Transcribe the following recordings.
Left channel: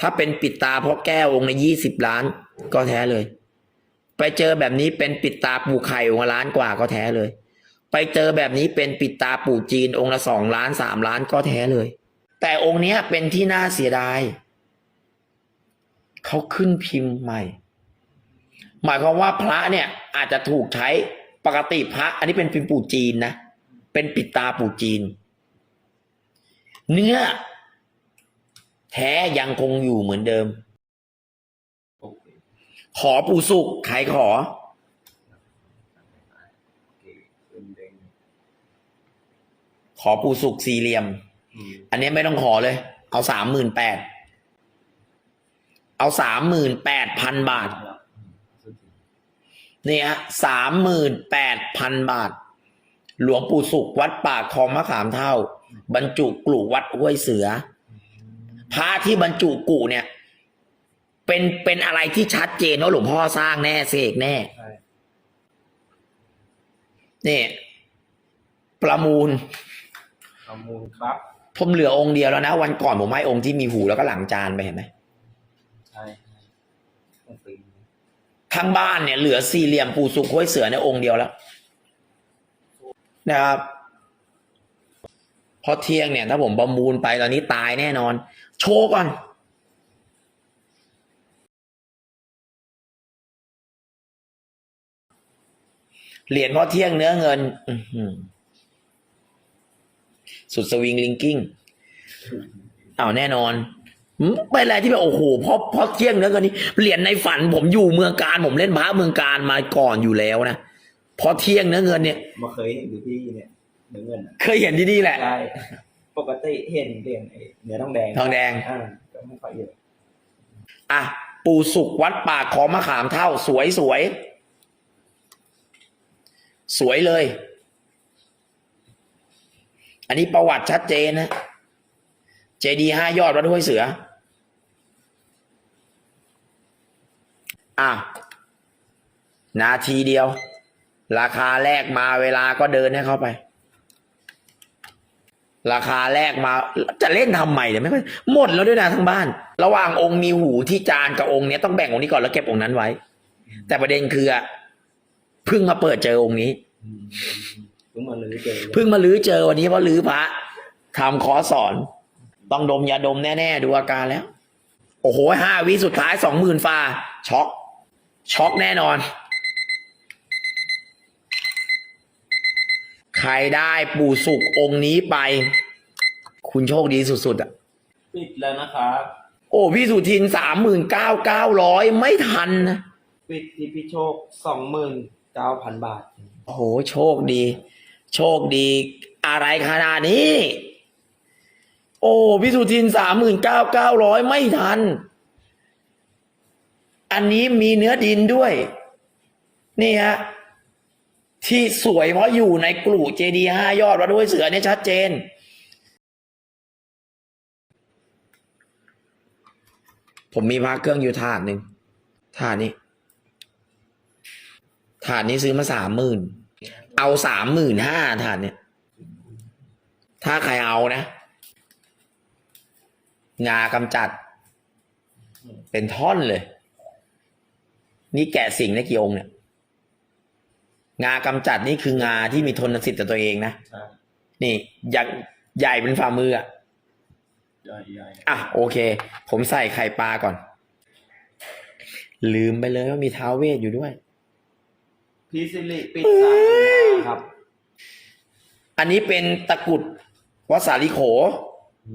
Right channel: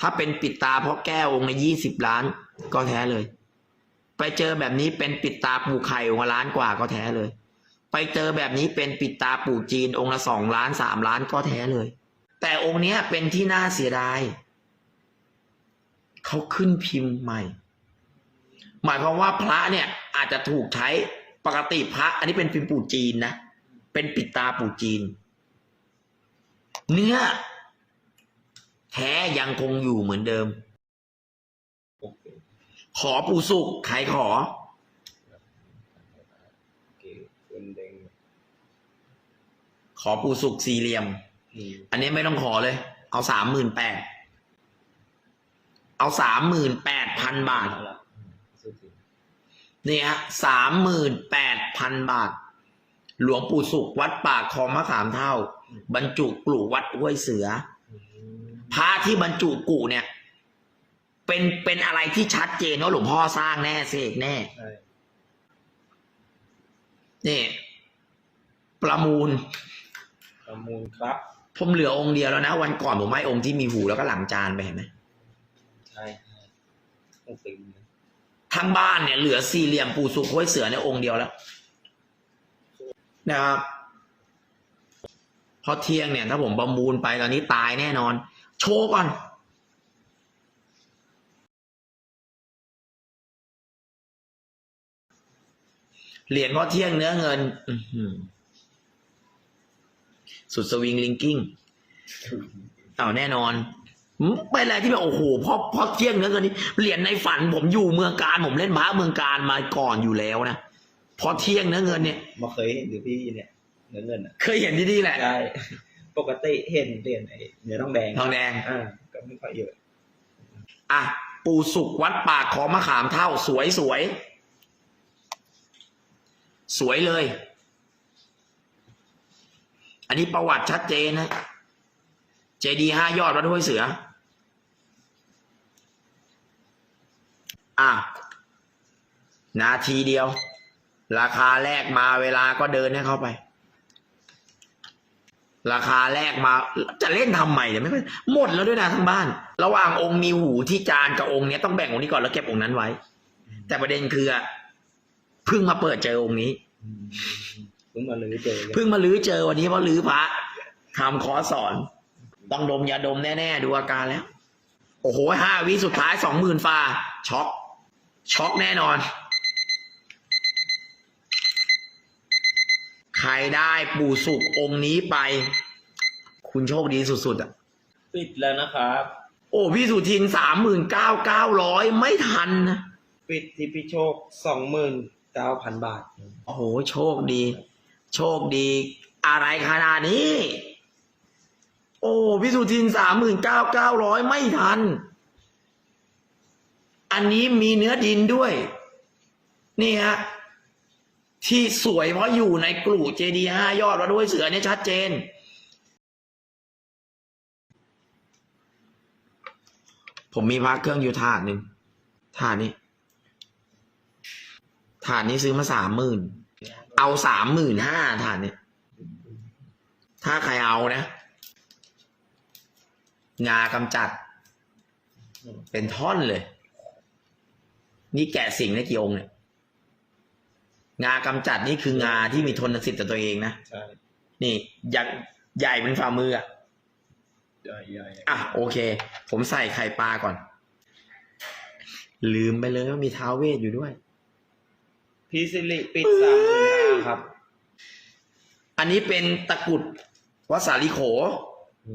ถ้าเป็นปิดตาเพราะแก้วองค์ละยี่สิบล้านก็แท้เลย ไปเจอแบบนี้เป็นปิดตาปู่ไข่องค์ละล้านกว่าก็แท้เลย ไปเจอแบบนี้เป็นปิดตาปู่จีนองค์ละสองล้านสามล้านก็แท้เลย แต่องค์เนี้ยเป็นที่น่าเสียดายเขาขึ้นพิมพ์ใหม่ หมายความว่าพระเนี่ยอาจจะถูกใช้ปกติพระ อันนี้เป็นพิมพ์ปู่จีนนะ เป็นปิดตาปู่จีน เนื้อ แท้ยังคงอยู่เหมือนเดิมอขอปู่สุกใครขอ ขอปู่สุกสี่เหลี่ยม อันนี้ไม่ต้องขอเลย เอาสามหมื่นแปด เอาสามหมื่นแปดพันบาทแล้วสุดที่นี่ฮะสามหมื่นแปดพันบาท หลวงปู่สุขวัดป่าคลองมะขามเท่า บรรจุกลุ่วัดห้วยเสือ พระที่บรรจุกุเนี่ย เป็นเป็นอะไรที่ชัดเจนว่าหลวงพ่อสร้างแน่เสกแน่ใช่นี่ประมูล ประมูลครับ ผมเหลือองค์เดียวแล้วนะ วันก่อนผมให้องค์ที่มีหูแล้วก็หลังจานไปเห็นไหมใช่ใช่ต้องตึงนะทั้งบ้านเนี่ยเหลือสี่เหลี่ยมปู่สุขห้วยเสือในยองค์เดียวแล้วนะครับเพราะเที่ยงเนี่ย ถ้าผมประมูลไปตอนนี้ตายแน่นอน โชว์ก่อนเหรียญพ่อเที่ยงเนื้อเงินอื้อหือสุดสวิงลิงกิ้งเอาวแน่นอนหืมเป็นอะไรที่แบบโอ้โหเพราะเพราะเที่ยงเนื้อเงินนี้เหรียญในฝันผมอยู่เมืองการ ผมเล่นพระเมืองการมาก่อนอยู่แล้วนะเพราะเที่ยงเนื้อเงินเนี่ยมาเคยเห็นหรือพี่เนี่ยเนื้อเงินอะเคยเห็นที่นี่แหละใช่ ปกติเห็นเหรียญไอ้เนื้อทองแดงทองแดง อ่าก็ไม่ค่อยเยอะ อะปูสุกวัดปากของมะขามเท่า สวยสวย สวยเลย อันนี้ประวัติชัดเจนนะ เจดีห้ายอดวัดห้วยเสือ อะ นาทีเดียว ราคาแรกมาเวลาก็เดินให้เข้าไป ราคาแรกมาจะเล่นทำไมเนี่ยไม่ค่หมดแล้วด้วยนะทั้งบ้าน ระหว่างองค์มีหูที่จานกับองค์เนี้ยต้องแบ่งองค์นี้ก่อนแล้วเก็บองค์นั้นไว้ แต่ประเด็นคืออะเพิ่งมาเปิดเจอองค์นี้เพิ่งมาลื้อเจอเพิ่งมาลื้อเจอวันนี้เพราะลื้อพระทำคอสสอน ต้องดมยาดมแน่ๆดูอาการแล้ว โอ้โหห้าวิสุดท้ายสองหมื่นฟ้าช็อกช็อกแน่นอน ใครได้ปู่สุกองค์นี้ไป คุณโชคดีสุดๆอะ ปิดแล้วนะครับ โอ้พี่สุทินสามหมื่นเก้าเก้าร้อยไม่ทันนะปิดที่พี่โชคสองหมื่นเก้าพันบาท โอ้โหโชคดี โชคดี อะไรขนาดนี้ โอ้พี่สุทินสามหมื่นเก้าเก้าร้อยไม่ทัน อันนี้มีเนื้อดินด้วย นี่ฮะ ที่สวยเพราะอยู่ในกลุ่มเจดีห้ายอดวัดห้วยเสือเนี่ยชัดเจน ผมมีพระเครื่องอยู่ถาดหนึ่งถาดนี้ถาดนี้ซื้อมาสามหมื่นเอาสามหมื่นห้าถาดเนี่ย ถ้าใครเอานะงากำจัด เป็นท่อนเลย นี่แกะสิ่งในกี่องค์เนี่ย งากำจัดนี่คืองาที่มีทนสิทธิ์ต่อตัวเองนะใช่นี่ใหญ่ใหญ่เป็นฝ่ามืออะใหญ่ใหญ่อะโอเค ผมใส่ไข่ปลาก่อน ลืมไปเลยว่ามีท้าวเวทอยู่ด้วยพี่สิริปิดสามหมื่นห้าครับ อันนี้เป็นตะกรุดวัดสาลิโขอื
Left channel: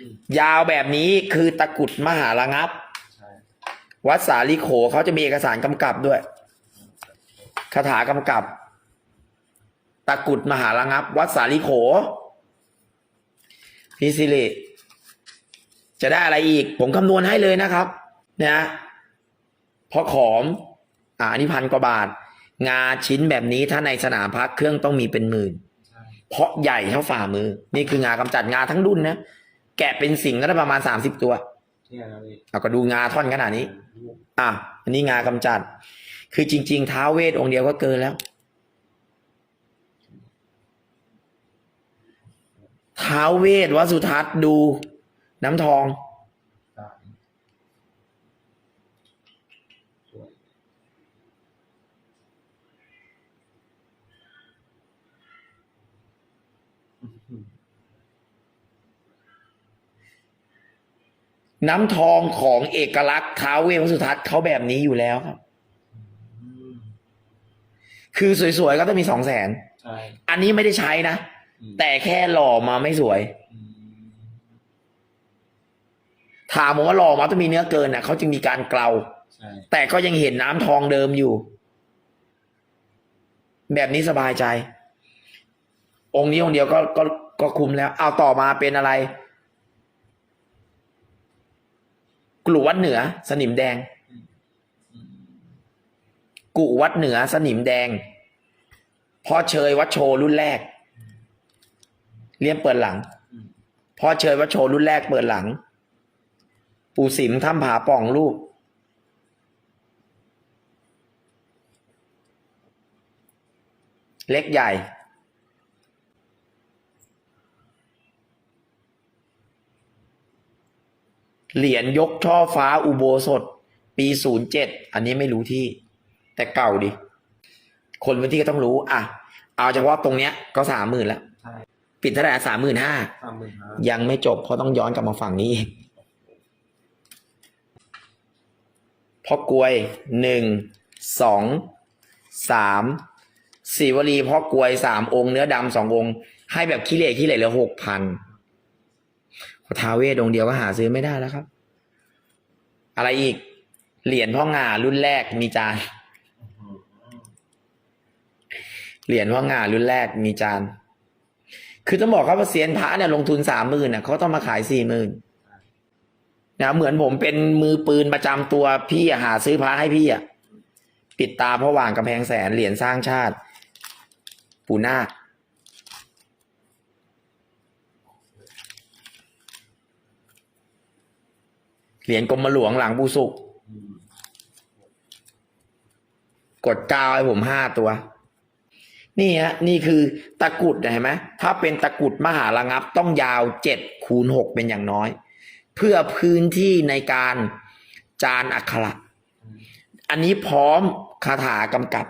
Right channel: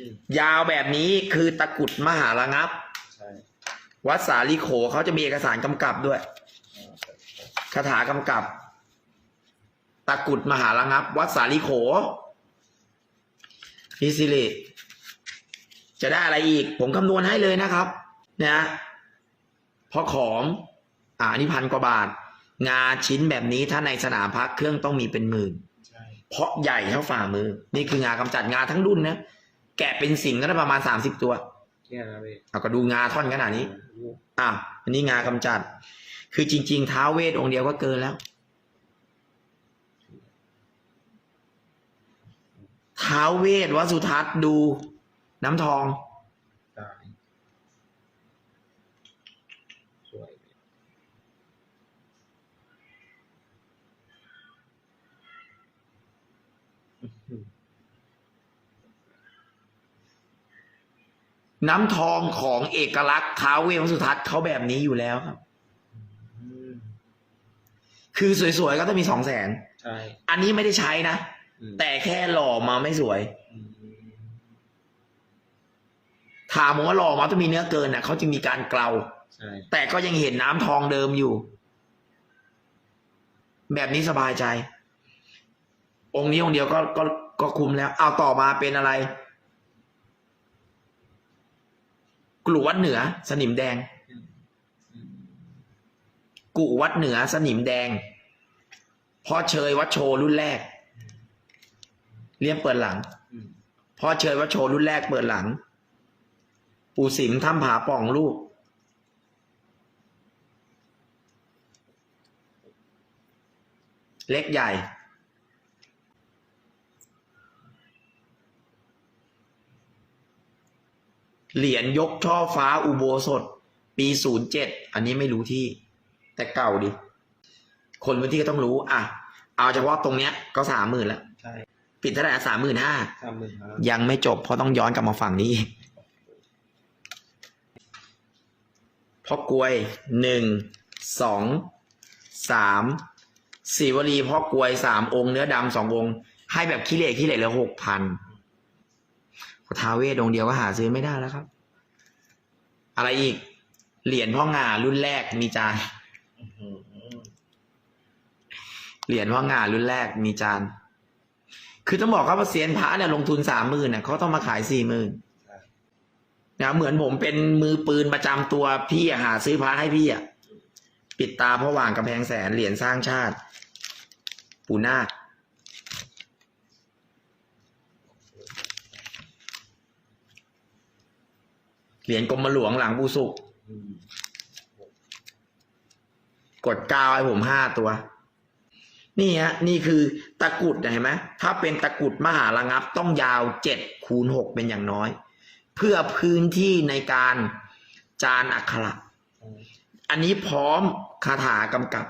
มยาวแบบนี้คือตะกรุดมหาระงับใช่วัดสาลิโขเขาจะมีเอกสารกำกับด้วย คาถากำกับ ตะกรุดมหาระงับ วัดสาลิโขพี่สิริจะได้อะไรอีก ผมคำนวณให้เลยนะครับ นะเพราะขอม อ่าอันนี่พันกว่าบาท งาชิ้นแบบนี้ถ้าในสนามพักเครื่องต้องมีเป็นหมื่นใช่เพราะใหญ่เท่าฝ่ามือ นี่คืองากำจัดงาทั้งรุ่นนะ แกะเป็นสิ่งก็ได้ประมาณสามสิบตัวเนี่ยนะพี่เอาก็ดูงาท่อนขนาดนี้ อะอันนี้งากำจัด คือจริง ๆ ท้าเวทองเดียวก็เกินแล้ว ท้าเวทวสุทัศน์ดูน้ำทองน้ำทองของเอกลักษณ์ท้าเวสุทัศน์เขาแบบนี้อยู่แล้วครับ คือสวยๆก็ต้องมีสองแสนใช่อันนี้ไม่ได้ใช้นะ อืมแต่แค่หล่อมาไม่สวย อืมถามผมว่าหล่อมาต้องมีเนื้อเกินอะเขาจึงมีการเกลา ใช่แต่ก็ยังเห็นน้ำทองเดิมอยู่ แบบนี้สบายใจ องค์นี้องค์เดียวก็ก็ก็คุมแล้ว เอาต่อมาเป็นอะไร กลุ่วัดเหนือ สนิมแดงอืม กุวัดเหนือสนิมแดงพ่อเชยวัดโชรุ่นแรก เลี่ยมเปิดหลังพ่อเชยวัดโชรุ่นแรกเปิดหลัง ปู่สิมถ้ำผาป่องลูก เล็กใหญ่เหรียญยกช่อฟ้าอุโบสถ ปีศูนย์เจ็ดอันนี้ไม่รู้ที่ แต่เก่าดิ คนพื้นที่ก็ต้องรู้ อะ เอาเฉพาะตรงเนี้ยก็สามหมื่นละใช่ปิดเท่าไหร่สามหมื่นห้าสามหมื่นห้ายังไม่จบเพราะต้องย้อนกลับมาฝั่งนี้อีกพ่อกลวยหนึ่งสองสามสีวลีพ่อกลวยสามองค์เนื้อดำสององค์ ให้แบบขี้เหร่ขี้เหร่เหลือหกพันท้าวเวทองค์เดียวก็หาซื้อไม่ได้แล้วครับ อะไรอีก เหรียญพ่องารุ่นแรกมีจาน อืมอืม เหรียญพ่องารุ่นแรกมีจาน คือต้องบอกครับว่าเซียนพระเนี่ยลงทุนสามหมื่นเนี่ยเขาต้องมาขายสี่หมื่นนะเหมือนผมเป็นมือปืนประจำตัวพี่อะหาซื้อพระให้พี่อะปิดตาเพราะหว่างกำแพงแสนเหรียญสร้างชาติ ปูนาคเหรียญกรมหลวงหลังปูสุก กดกาวให้ผมห้าตัว นี่ฮะนี่คือตะกุดเห็นไหมถ้าเป็นตะกุดมหาระงับต้องยาวเจ็ดคูณหกเป็นอย่างน้อย เพื่อพื้นที่ในการจานอักขระอันนี้พร้อมคาถากำกับ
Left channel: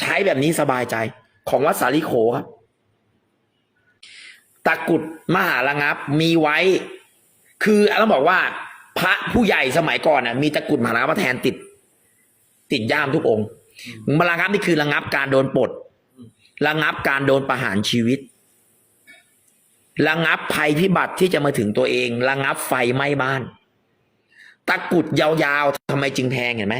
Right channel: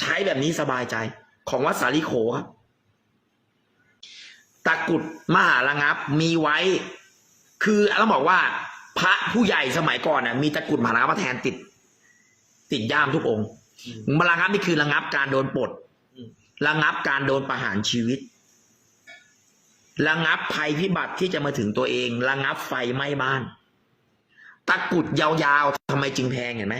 ใช้แบบนี้สบายใจ ของวัดสาลิโขครับตะกุดมหาระงับมีไว้ คือต้องบอกว่า พระผู้ใหญ่สมัยก่อนน่ะมีตะกุดมหาระงับมาแทนติด ติดย่ามทุกองค์มาระงับนี่คือระงับการโดนปลด ระงับการโดนประหารชีวิต ระงับภัยพิบัติที่จะมาถึงตัวเอง ระงับไฟไหม้บ้าน ตะกรุดยาวๆทำไมจึงแพงเห็นไหม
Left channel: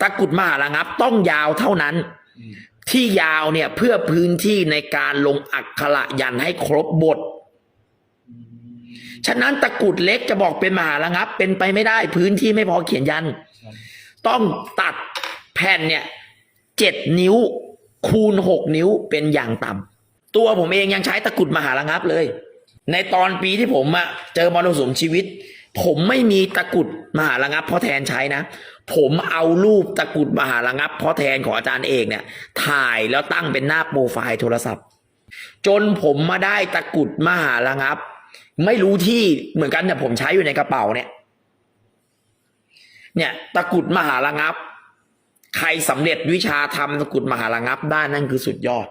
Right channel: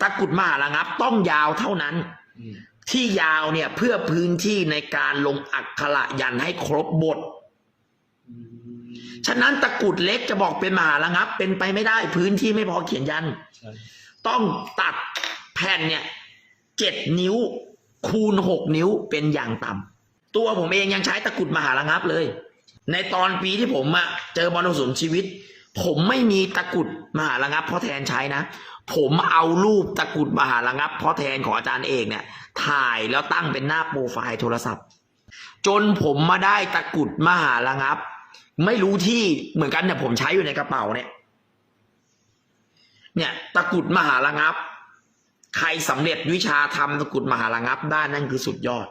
ตะกรุดมหาระงับต้องยาวเท่านั้นอืมที่ยาวเนี่ยเพื่อพื้นที่ในการลงอักขระยันให้ครบบทอืมฉะนั้นตะกรุดเล็กจะบอกเป็นมหาระงับ เป็นไปไม่ได้ พื้นที่ไม่พอเขียนยันใช่ต้องตัดแผ่นเนี่ยเจ็ดนิ้ว คูณหกนิ้วเป็นอย่างต่ำตัวผมเองยังใช้ตะกรุดมหาระงับเลย ในตอนปีที่ผมอะเจอมรสุมชีวิต ผมไม่มีตะกรุดมหาระงับเพราะแทนใช้นะ ผมเอารูปตะกรุดมหาระงับเพราะแทนของอาจารย์เอกเนี่ย ถ่ายแล้วตั้งเป็นหน้าโปรไฟล์โทรศัพท์ จนผมมาได้ตะกรุดมหาระงับ ไม่รู้ที่เหมือนกันเนี่ยผมใช้อยู่ในกระเป๋าเนี่ย เนี่ย ตะกรุดมหาระงับ ใครสำเร็จวิชาทำตะกรุดมหาระงับได้นั่นคือสุดยอด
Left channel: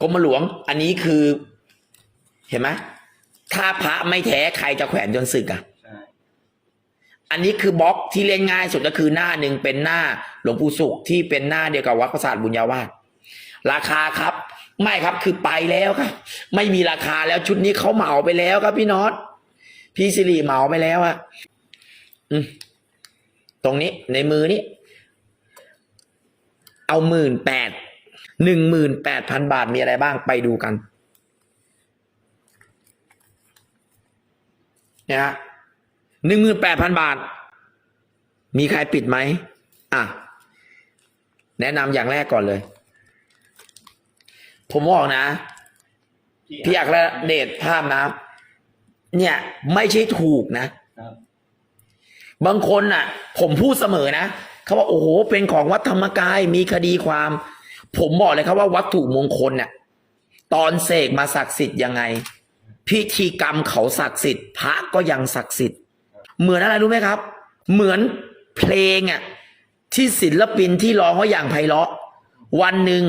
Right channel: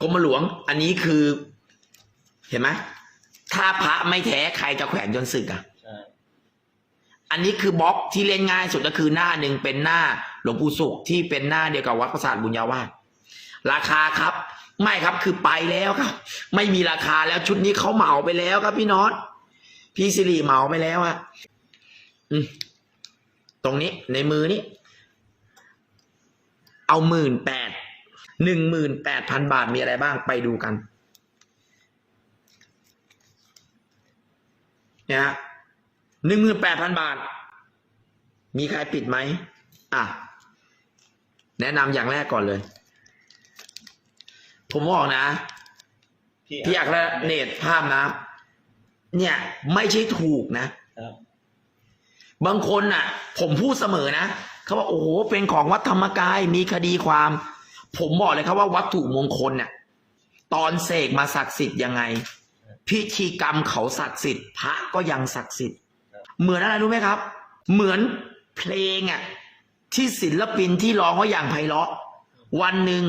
กรมหลวง อันนี้คือ เห็นไหมถ้าพระไม่แท้ใครจะแขวนจนสึกอะใช่อันนี้คือบล็อกที่เล่นง่ายสุดก็คือหน้าหนึ่งเป็นหน้าหลวงปู่สุขที่เป็นหน้าเดียวกับวัดประสาทบุญญาวาสราคาครับ ไม่ครับคือไปแล้วครับ ไม่มีราคาแล้วชุดนี้เขาเหมาไปแล้วครับพี่น็อตพี่สิริเหมาไปแล้วอะอืมตรงนี้ในมือนี้ เอาหมื่นแปดหนึ่งหมื่นแปดพันบาทมีอะไรบ้างไปดูกันเนี่ยฮะหนึ่งหมื่นแปดพันบาท มีใครปิดไหมอะ แนะนำอย่างแรกก่อนเลย ผมบอกนะ พี่อักและเดชภาพนะ เนี่ย ไม่ใช่ถูกนะครับบางคนน่ะ ผมพูดเสมอนะ เขาบอกโอ้โหเป็นของวัดธรรมกายมีคดีความ ผมบอกเลยครับว่าวัตถุมงคลเนี่ยตอนเสกมาศักดิ์สิทธิ์ยังไง พิธีกรรมเขาศักดิ์สิทธิ์พระก็ยังศักดิ์สิทธิ์ เหมือนอะไรรู้ไหมครับ เหมือนเพลงอะที่ศิลปินที่ร้องว่าอย่างไพเราะ วันหนึ่ง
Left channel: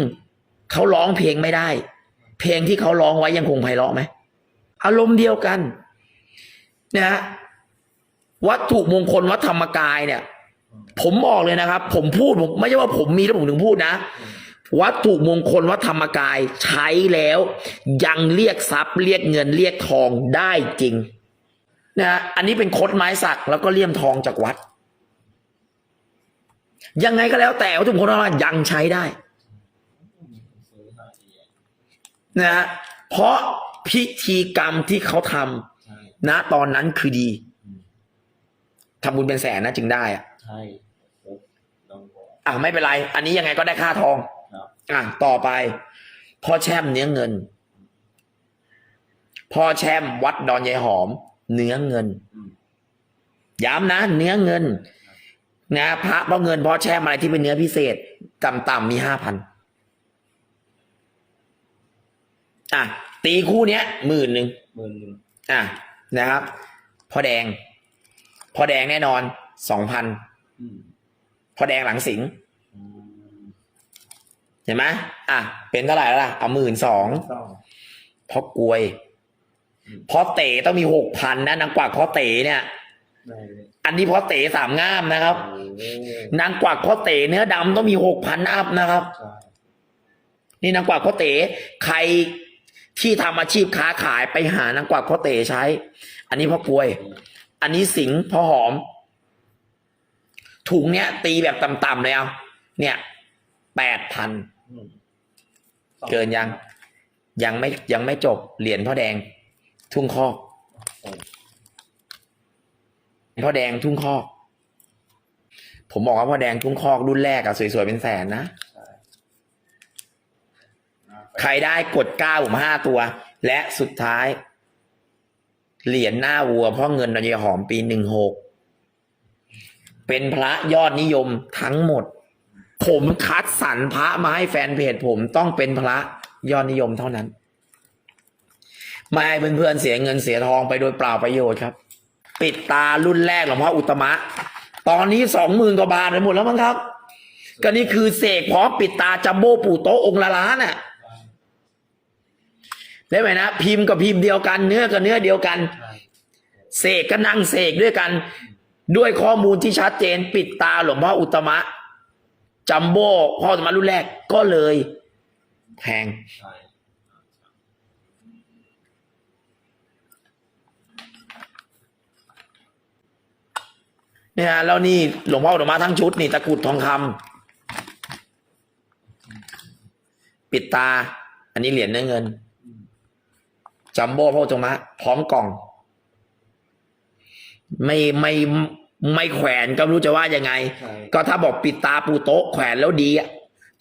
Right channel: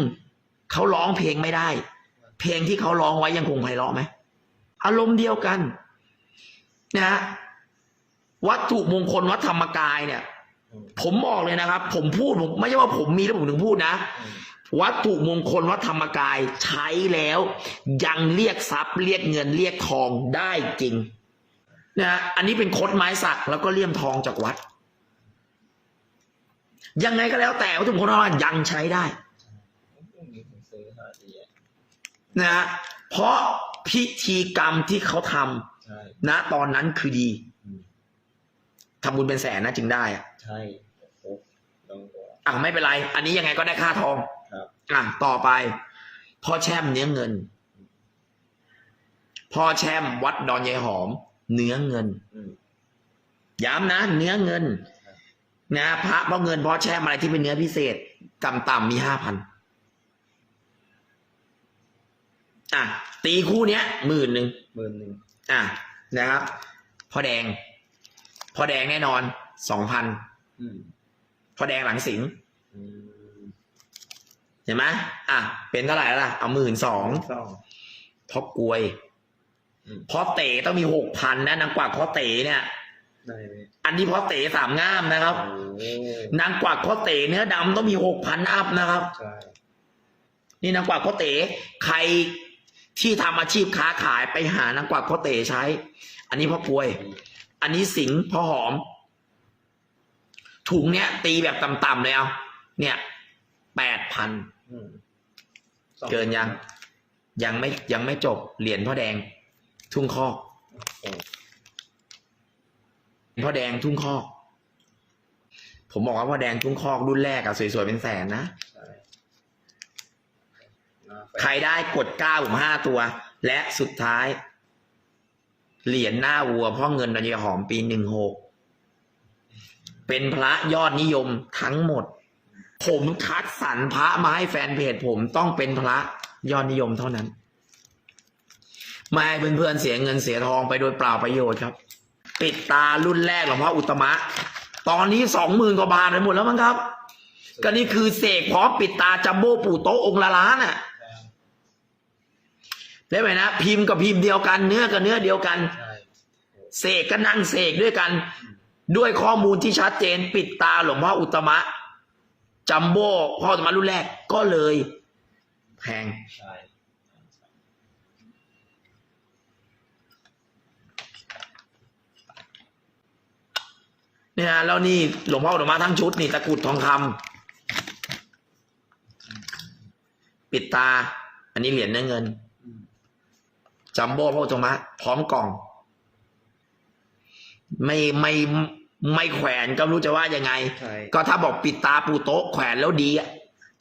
เขาร้องเพลงไม่ได้ เพลงที่เขาร้องไว้ยังคงไพเราะไหมอารมณ์เดียวกันนะฮะวัตถุมงคลวัดธรรมกายเนี่ย ผมบอกเลยนะครับ ผมพูดผมไม่ใช่ว่าผมมีแล้วผมถึงพูดนะอืมวัตถุมงคลวัดธรรมกายใช้แล้ว ยังเรียกทรัพย์เรียกเงินเรียกทองได้จริงนะฮะอันนี้เป็นคดไม้สักแล้วก็เลี่ยมทองจากวัด ยังไงก็แล้วแต่วัตถุมงคลวัดธรรมกายยังใช้ได้มีคนซื้อห้าทีอะนะฮะเพราะพิธีกรรมที่เขาทำใช่ณตอนนั้นคือดีอืมทำบุญเป็นแสนนะจึงได้อะ ใช่ครบต้องบอก อะไม่เป็นไร อันนี้ยังไงก็ได้ค่าทองครับ อะต่อไป พ่อแช่มเนื้อเงิน พ่อแช่มวัดดอนยายหอม เนื้อเงิน อืม ย้ำนะเนื้อเงินนะพระเพราะเงินพ่อแช่มอะไรที่เป็นเนื้อพิเศษต่ำๆมีห้าพันอะตีคู่เนี้ยหมื่นหนึ่งหมื่นหนึ่งอะนะครับพ่อแดงพ่อแดงแน่นอนสองพันอืม พ่อแดงหลังสิงห์อืมเห็นไหมอะ เป็นเท่าไหร่แล้วล่ะ เอาหมื่นสองสองพ่อกลวยอืมพ่อเต๋ต้องมีหกพันนะนางกวักพ่อเต๋เนี่ยได้เลยอันนี้พ่อเต๋สามงามนะครับโอ้นางกวักพ่อเต๋เนื้อดำต้องมีหกพันอัพนะครับใช่นี่นางกวักพ่อเต๋ใครที่ทำอาชีพค้าขายไปหานางกวักพ่อเต๋ใช้ อันนี้พ่อกลวย อันนี้สิงห์พ่อหอม ถุงเนี้ย ตีแบบต่ำๆเลยเอาเนี่ยแปดพันอืมสอเกินยัง ยังไม่ยังไม่จบเหรียญพ่อแดง ทุ่งคอกโอ้พ่อแดงทุ่งคอก ผมบอกว่าพ่อแดงทุ่งคอกรุ่นแรกอะสวยๆเป็นแสนนะใช่น่าไปใครได้กดเก้าผมห้าตัว และสุดท้าย เหรียญหน้าวัวพ่อเงินนายหอมปีหนึ่งหก เป็นพระยอดนิยมทั้งหมด ผมคัดสรรพระมาให้แฟนเพจผมต้องเป็นพระยอดนิยมเท่านั้น ไม่ให้เพื่อนๆเสียเงินเสียทองไปโดยเปล่าประโยชน์ครับ ปิดตารุ่นแรกหลวงพ่ออุตมะ ตอนนี้สองหมื่นกว่าบาทไปหมดแล้วมั้งครับ ก็นี่คือเสกพร้อมปิดตาจัมโบ้ปู่โตะองค์ละล้านน่ะได้ไหมนะพิมพ์กับพิมพ์เดียวกันเนื้อกับเนื้อเดียวกัน เสกก็นั่งเสกด้วยกัน ด้วยข้อมูลที่ชัดเจนปิดตาหลวงพ่ออุตมะ จัมโบ้พ่ออุตมะรุ่นแรกก็เลยแพงเนี่ยแล้วนี่หลวงพ่ออุตมะทั้งชุดนี่ตะกรุดทองคำปิดตา อันนี้เหรียญเนื้อเงิน จัมโบ้พ่ออุตตมะพร้อมกล่อง ไม่ไม่ ไม่แขวนก็ไม่รู้จะว่ายังไง ใช่ ก็ถ้าบอกปิดตาปูโต๊ะแขวนแล้วดีอะ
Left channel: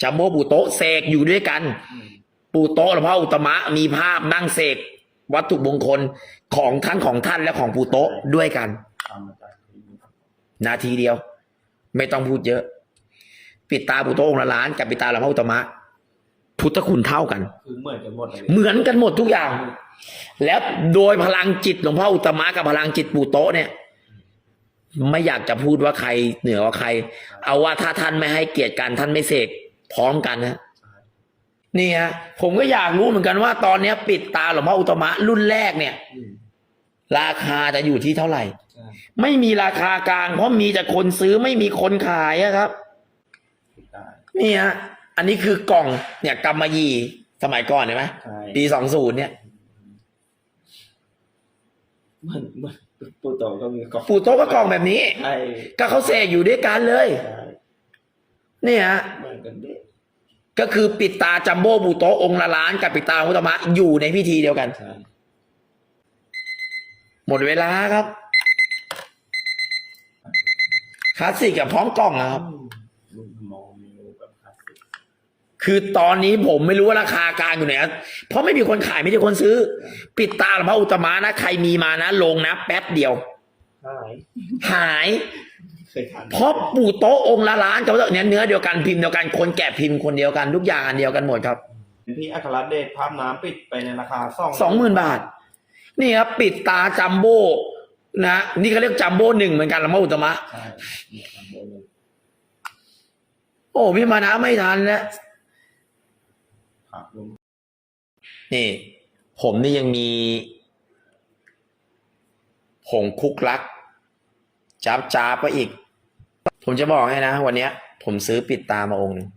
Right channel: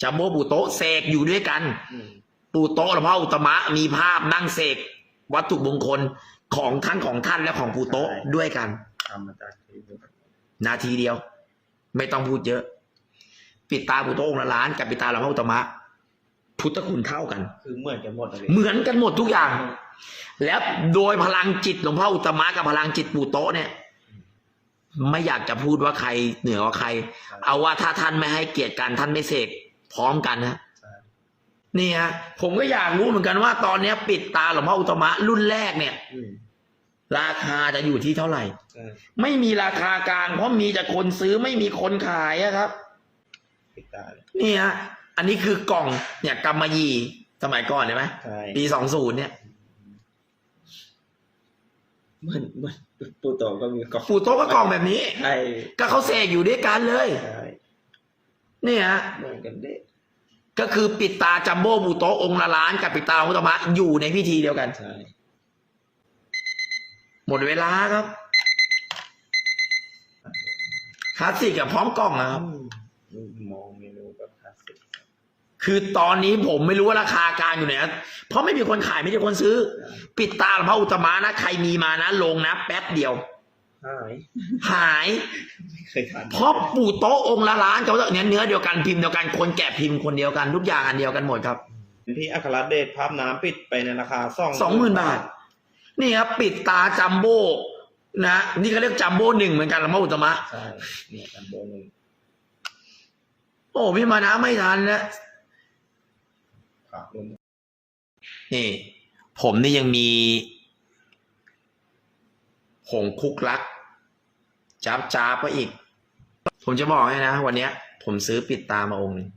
จัมโบ้ปูโต๊ะเสกอยู่ด้วยกัน อืม ปูโต๊ะหลวงพ่ออุตตมะมีภาพนั่งเสกวัตถุมงคลของท่านของท่านและของปูโต๊ะด้วยกันทำมาจากที่นี่นาทีเดียว ไม่ต้องพูดเยอะ ปิดตาปูโต๊ะองค์ละล้านกับปิดตาหลวงพ่ออุตตมะ พุทธคุณเท่ากัน คือเหมือนกันหมดเลยเหมือนกันหมดทุกอย่าง แล้วโดยพลังจิตหลวงพ่ออุตตมะกับพลังจิตปู่โต๊ะเนี่ย ไม่อยากจะพูดว่าใครเหนือกว่าใคร เอาว่าถ้าท่านไม่ให้เกียรติกันท่านไม่เสกพร้อมกันนะใช่นี่ฮะผมก็อยากรู้เหมือนกันว่า ตอนเนี้ย ปิดตาหลวงพ่ออุตตมะรุ่นแรกเนี่ย อืม ราคาจะอยู่ที่เท่าไหร่ ใช่ไม่มีราคากลาง เพราะมีแต่คนซื้อไม่มีคนขายอะครับ ปิดตานี่ฮะอันนี้คือกล่องเนี่ยกำมะหยี่สมัยก่อนเห็นไหมใช่ปีสองศูนย์เนี่ย เหมือนเหมือน ปูโตก็มีกล่องปู่โต๊ะก็กล่องแบบนี้ ใช่ก็เขาเสกอยู่ด้วยกันเลย ใช่นี่ฮะเหมือนกันเด้ก็คือปิดตาจัมโบ้บูโตะองค์ละล้านกับปิดตาอุตตมะอยู่ในพิธีเดียวกัน ใช่หมดเวลาครับคลาสสิกกับพร้อมกล่องนะครับ อืมมองเมนูแบบคลาสสิก คือตอนนี้ผมไม่รู้ว่าราคากลางอยู่ไหนเพราะไม่มีคนขายไม่มีคนซื้อ ปิดตาหลวงพ่ออุตตมะนะใครมีมานะลงนะแป๊บเดียว หายหายไม่เคยทานเพราะปู่โต๊ะองค์ละล้านเขาเนี่ยเนื้อเดียวกันพิมพ์เดียวกันคนแกะพิมพ์คนเดียวกันทุกอย่างอันเดียวกันหมดครับพี่อัครเดชภาพน้ำปิดไปในราคาสองสองหมื่นบาท นี่ครับปิดตาจัมโบ้นะนี่เขาเรียกจัมโบ้หนึ่งเหมือนกันหลวงพ่ออุตตมะใช่เนี่ยจัมโบ้หนึ่งโอ้พี่มานะไม่ทันนะครับรวม นี่ ผมนี่ยังมีผงคุกลักจับจ้าบไปอีก ผมจะบอกให้นะ วันเนี้ย ผมซื้อปิดตามาองค์หนึ่ง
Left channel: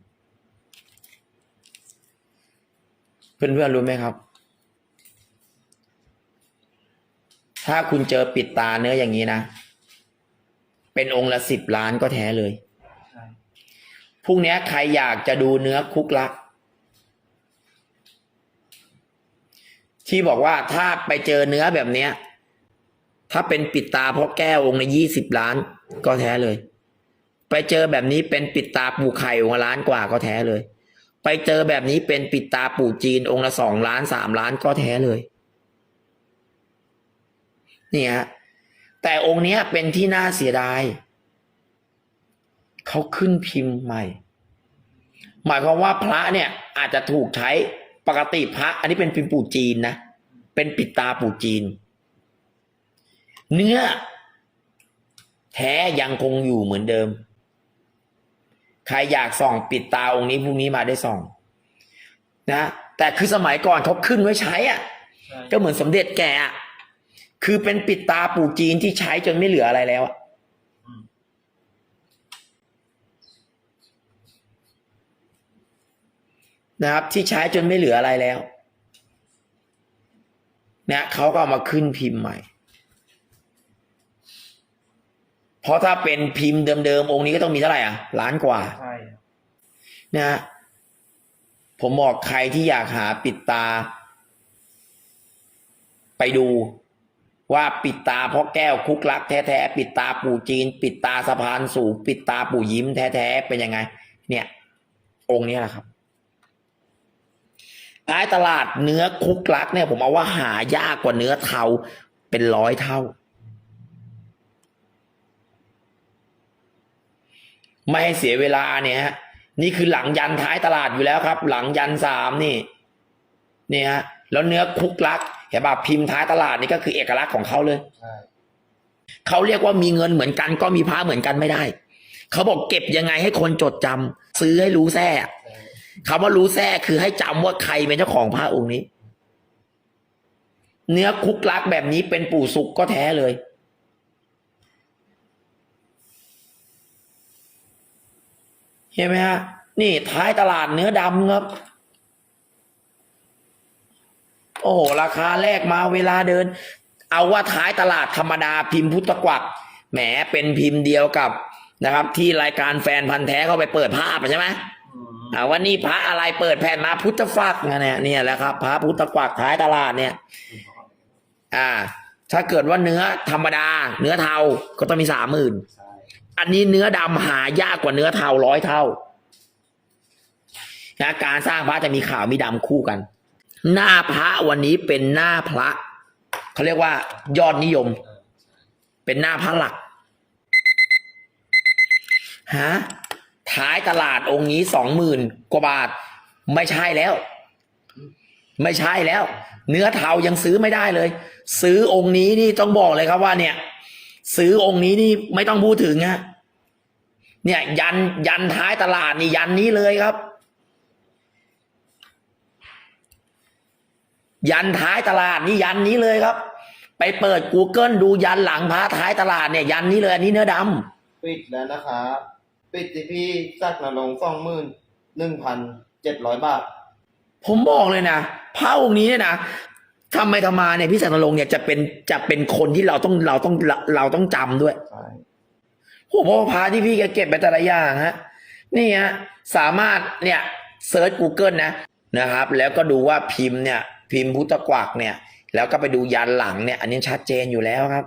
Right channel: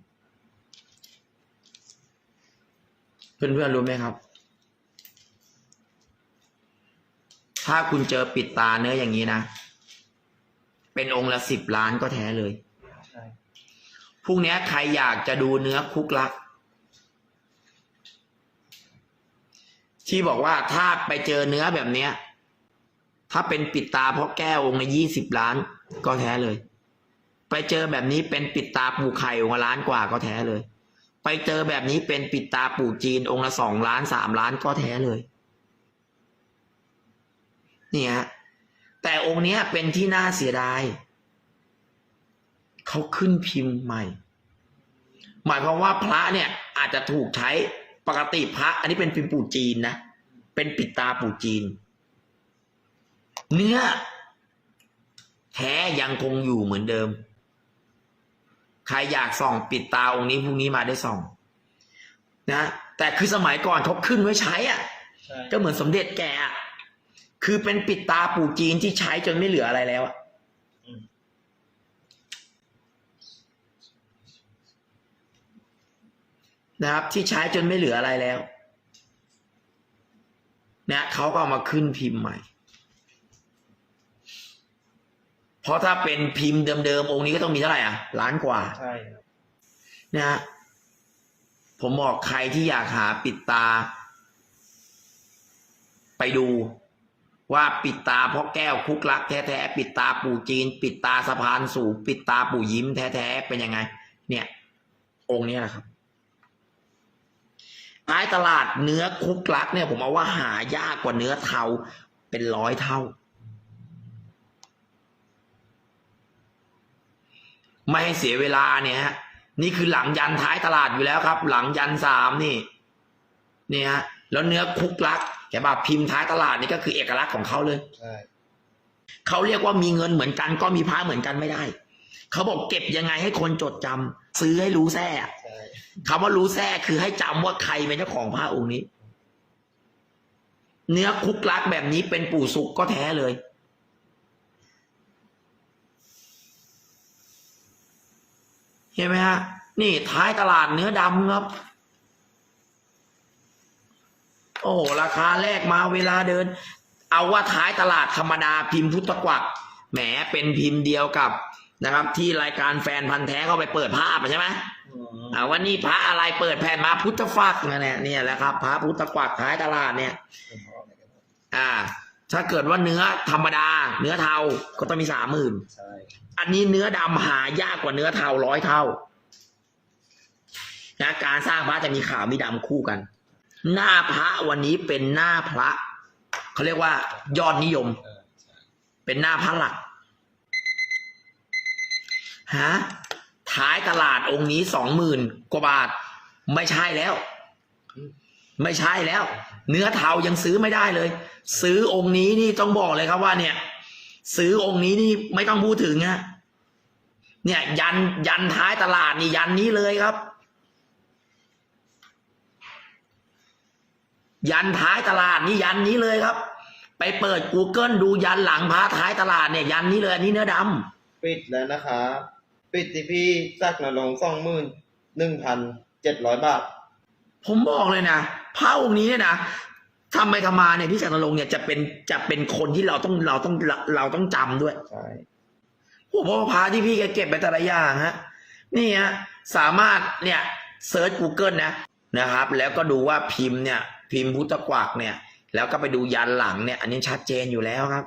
เพื่อนๆรู้ไหมครับ ถ้าคุณเจอปิดตาเนื้ออย่างนี้นะ เป็นองค์ละสิบล้านก็แท้เลยใช่พรุ่งนี้ใครอยากจะดูเนื้อคุกลัก ที่บอกว่าถ้าไปเจอเนื้อแบบเนี้ย ถ้าเป็นปิดตาเพราะแก้วองค์ละยี่สิบล้านก็แท้เลย ไปเจอแบบนี้เป็นปิดตาปู่ไข่องค์ละล้านกว่าก็แท้เลย ไปเจอแบบนี้เป็นปิดตาปู่จีนองค์ละสองล้านสามล้านก็แท้เลย เนี่ยฮะแต่องค์เนี้ยเป็นที่น่าเสียดายเขาขึ้นพิมพ์ใหม่ หมายความว่าพระเนี่ยอาจจะถูกใช้ ปกติพระ อันนี้เป็นพิมพ์ปู่จีนนะ เป็นปิดตาปู่จีน เนื้อ แท้ยังคงอยู่เหมือนเดิม ใครอยากส่องปิดตาองค์นี้พรุ่งนี้มาได้ส่อง นะ แต่คือสมัยก่อนเขาขึ้นไว้ใช้อะใช่ก็เหมือนสมเด็จแกอะคือเป็นปิดตาปู่จีนที่ใช้จนไม่เหลืออะไรแล้วอะ อืม นะครับ ที่ใช้จนไม่เหลืออะไรแล้วเนี่ยเขาก็เอามาขึ้นพิมพ์ใหม่ เพราะถ้าเป็นพิมพ์เดิมๆองค์นี้ก็ต้องมีเท่าไหร่อะล้านกว่าใช่ครับนะฮะผมบอกใครที่อยากหาปิดตา ไปดูว่าปิดตาเพราะแก้วคุกลักแท้ๆปิดตาปู่จีน ปิดตาสะพานสูงปิดตาปู่ยิ้มแท้ๆเป็นยังไง เนี่ย องค์นี้แหละครับ ท้ายตลาดเนื้อคุกลักเนี่ย ผมเอาว่าหายากกว่าเนื้อเทาเป็นร้อยเท่า ไม่ให้เสียเวลาเนี่ยฮะนี่คือหลังยันท้ายตลาดอยู่แล้วครับ หลังยันสามนี่ เนี่ยฮะแล้วเนื้อคุกลักเห็นป่ะพิมพ์ท้ายตลาดนี่ก็คือเอกลักษณ์ของเขาเลยใช่เขาเรียกว่ามีเงินเหมือนกันก็มีพระเหมือนกันไม่ได้ เขาบอกเก็บยังไงให้คนจดจำซื้อให้รู้แท้ใช่ คำว่ารู้แท้คือให้จำว่าใครเป็นเจ้าของพระองค์นี้ เนื้อคุกลักแบบนี้เป็นปู่สุกก็แท้เลย เห็นไหมฮะ นี่ท้ายตลาดเนื้อดำครับ โอ้โห ราคาแรกมาเวลาเดิน เอาว่าท้ายตลาดธรรมดาพิมพ์พุทธกวักแหมเป็นพิมพ์เดียวกับนะครับ ที่รายการแฟนพันธ์แท้เข้าไปเปิดภาพใช่ไหม อืมอ่าว่านี่พระอะไรเปิดแผ่นมาพุทธฟักมาเนี่ยเนี่ยแหละครับพระพุทธกวักท้ายตลาดเนี่ยเป็นเพราะอะไรกันอ่า ถ้าเกิดว่าเนื้อธรรมดา เนื้อเทาก็ต้องมีสามหมื่นใช่อันนี้เนื้อดำหายากกว่าเนื้อเทาร้อยเท่านะการสร้างพระจะมีขาวมีดำคู่กัน หน้าพระวันนี้เป็นหน้าพระเขาเรียกว่ายอดนิยมเออใช่เป็นหน้าพระหลักฮะ ท้ายตลาดองค์นี้สองหมื่นกว่าบาท ไม่ใช่แล้ว ไม่ใช่แล้ว เนื้อเทายังซื้อไม่ได้เลย ซื้อองค์นี้นี่ต้องบอกเลยครับว่า เนี่ย ซื้อองค์นี้นี่ไม่ต้องพูดถึงฮะเนี่ย ยันยันท้ายตลาดนี่ยันนี้เลยครับ ยันท้ายตลาดนี่ยันนี้เลยครับ ไปเปิด Google ดูยันหลังพระท้ายตลาดเนี่ย ยันนี้เลยอันนี้เนื้อดำปิดแล้วนะครับ ปิดที่พี่จักรนรงสองหมื่นหนึ่งพันเจ็ดร้อยบาท ผมบอกเลยนะพระองค์นี้เนี่ยนะทำไมทำมาเนี่ยพี่แสงนรงค์เนี่ยจะเป็นจะเป็นคนที่เราต้องเราต้องเราต้องจำด้วย ใช่ โอ้โหเพราะว่าพระที่พี่แกเก็บไปแต่ละอย่างฮะนี่ฮะสามารถเนี่ยเซิร์ช Google นะนะครับ แล้วก็ดูว่าพิมพ์เนี่ย พิมพ์พุทธกวักเนี่ย แล้วก็ไปดูยันหลังเนี่ย อันนี้ชัดเจนอยู่แล้วครับ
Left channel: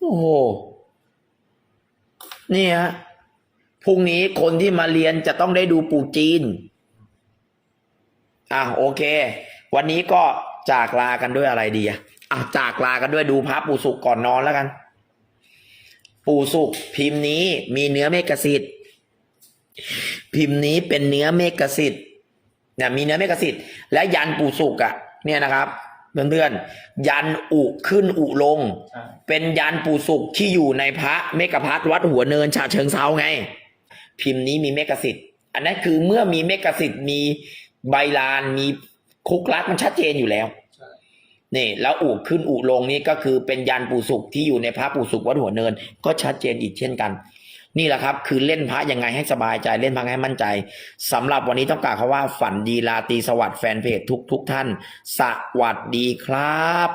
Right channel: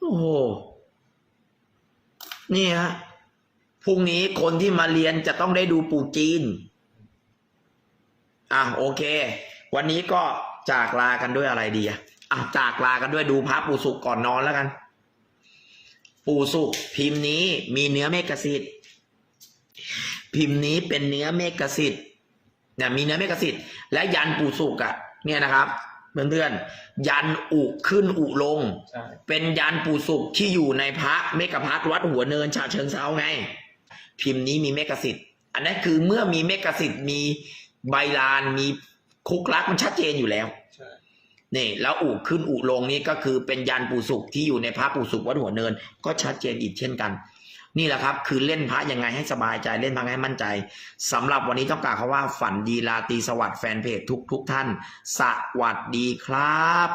โอ้โห นี่ฮะพรุ่งนี้คนที่มาเรียนจะต้องได้ดูปู่จีน อะโอเค วันนี้ก็จากลากันด้วยอะไรดีอะจากลากันด้วยดูพระปู่สุกก่อนนอนแล้วกัน ปู่สุกพิมพ์นี้มีเนื้อเมกสิทธิ์พิมพ์นี้เป็นเนื้อเมกสิทธิ์เนี่ยมีเนื้อเมกสิทธิ์และยันปู่สุกอะ เนี่ยนะครับ เพื่อนๆยันอุขึ้นอุลง ใช่เป็นยันปู่สุกที่อยู่ในพระเมกพัทวัดหัวเนินฉะเชิงเซาไง พิมพ์นี้มีเมกสิทธิ์อันนั้นคือเมื่อมีเมกสิทธิ์มีใบลานมีคุกลักมันชัดเจนอยู่แล้ว ใช่ นี่แล้วอุขึ้นอุลงนี่ก็คือเป็นยันปู่สุขที่อยู่ในพระปู่สุขวัดหัวเนิน ก็ชัดเจนอีกเช่นกัน นี่แหละครับ คือเล่นพระยังไงให้สบายใจเล่นพระให้มั่นใจสำหรับวันนี้ต้องกล่าวคำว่าฝันดีลาตีสวัสดิ์แฟนเพจทุกทุกท่าน สวัสดีครับ